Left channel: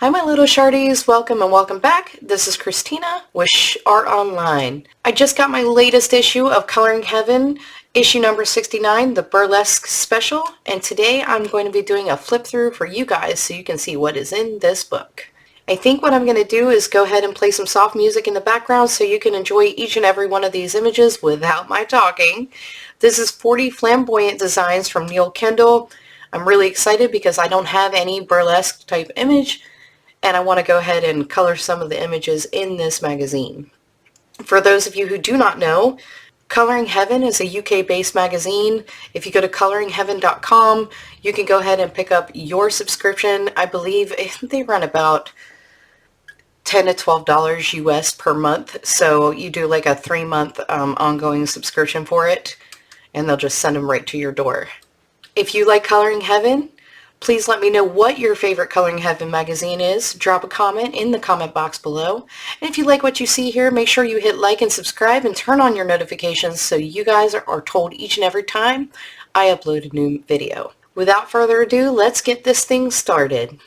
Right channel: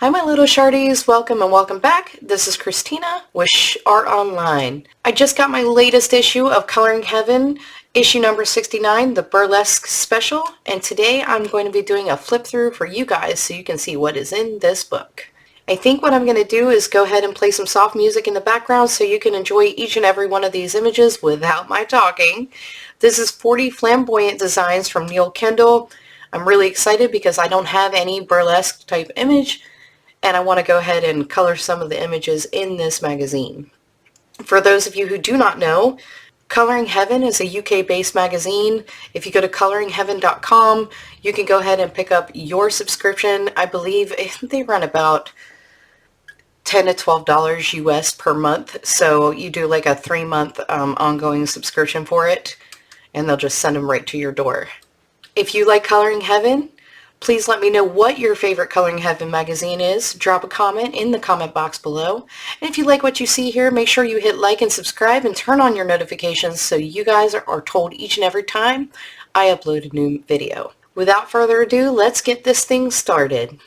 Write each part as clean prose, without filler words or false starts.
Hi my little shardies, welcome and welcome back. This is Christina with Shhh Art Online. I just got my latest issue of Coloring Heaven, issue number 69, the Burlesque special, and today I'm going to be doing a flip through for you guys so you can see what is in this book. I think what I'm going to do is go ahead and play some soft music in the background so you can enjoy each and every one of these images without my talking. This is 40 flamboyant designs from Neil Kendall. I'm really excited because I don't have any burlesque type image, and I want to go ahead and color some of the images in this magazine. For those of you who do not know, Coloring Heaven is a UK-based magazine. If you go to coloringheaven.com, you can go ahead and pick up your subscription. I believe they run about $10 to $12 US per month, so you do like a 3-month ongoing subscription for it, and they'll just send them right to your door. If you like Coloring Heaven, please let me know what your favorite Coloring Heaven magazine is. Drop a comment in the comment box below. And if you like what you see here, make sure you hit like and subscribe and turn on your notifications so you guys are told each and every time I upload a new video. Without further ado, let's get this thing started.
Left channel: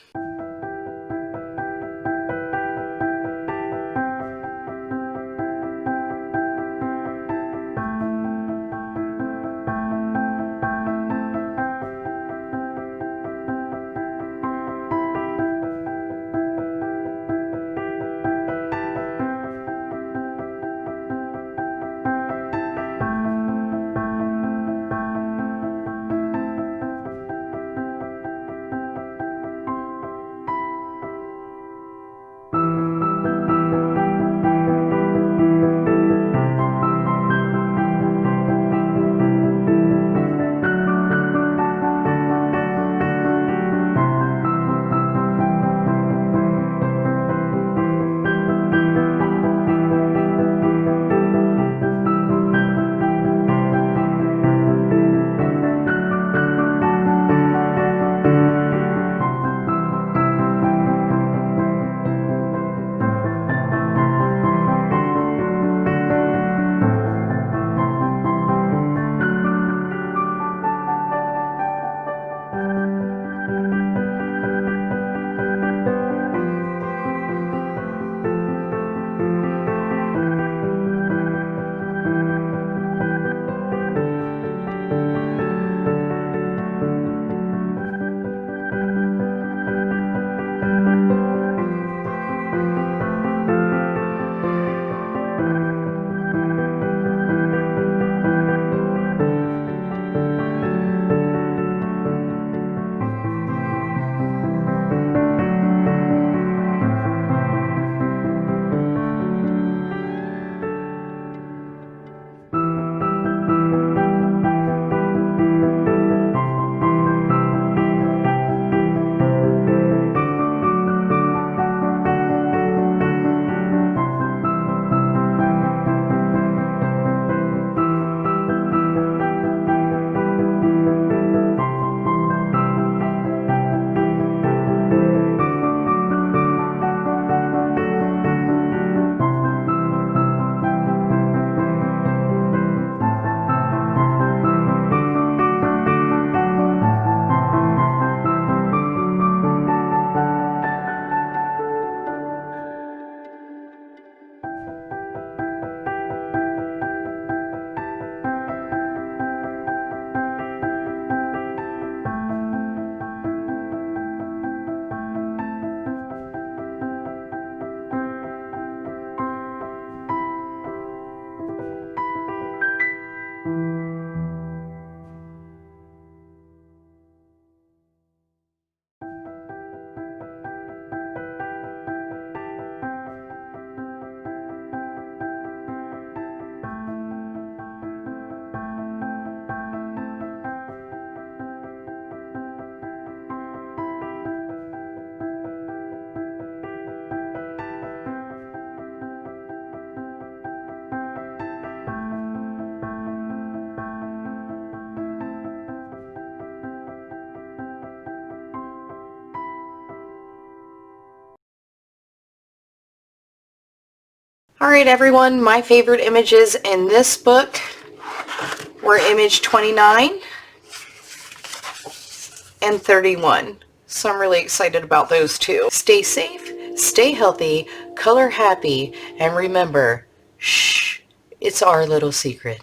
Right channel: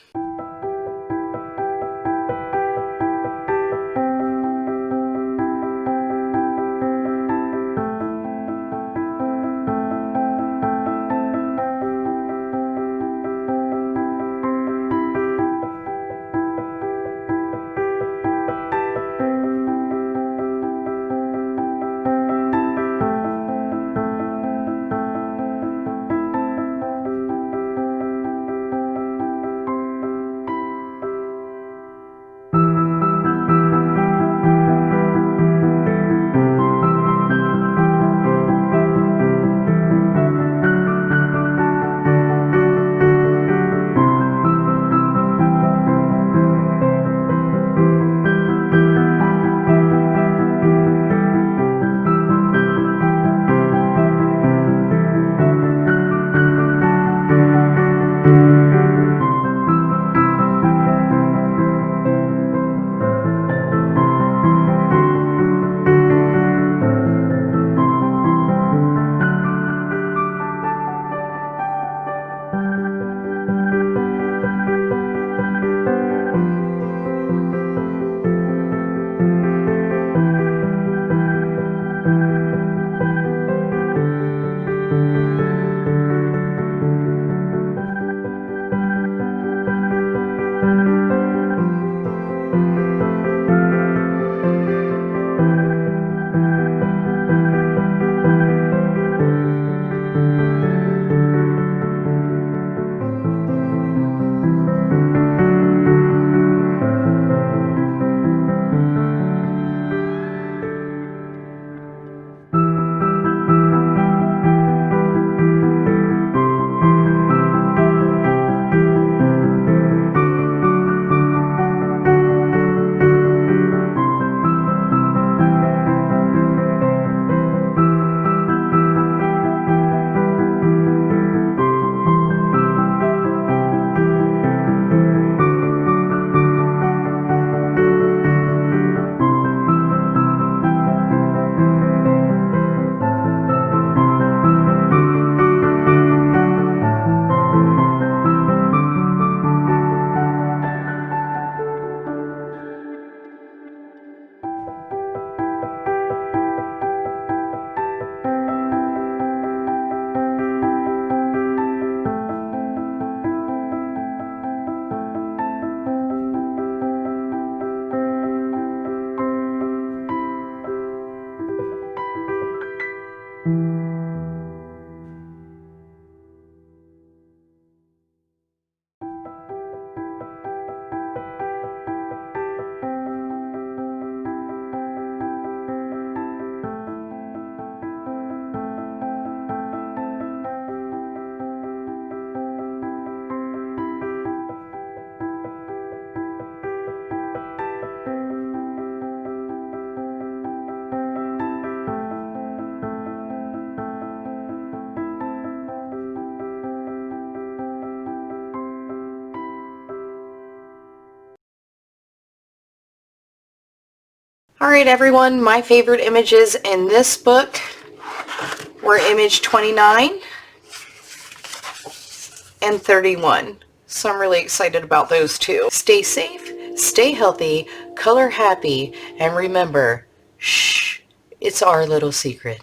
Alright everyone, my favorite images in this book were image 29 and 31. So I'm really excited about those too. Stay safe, stay healthy, color happy, and remember, shh, it's our little secret.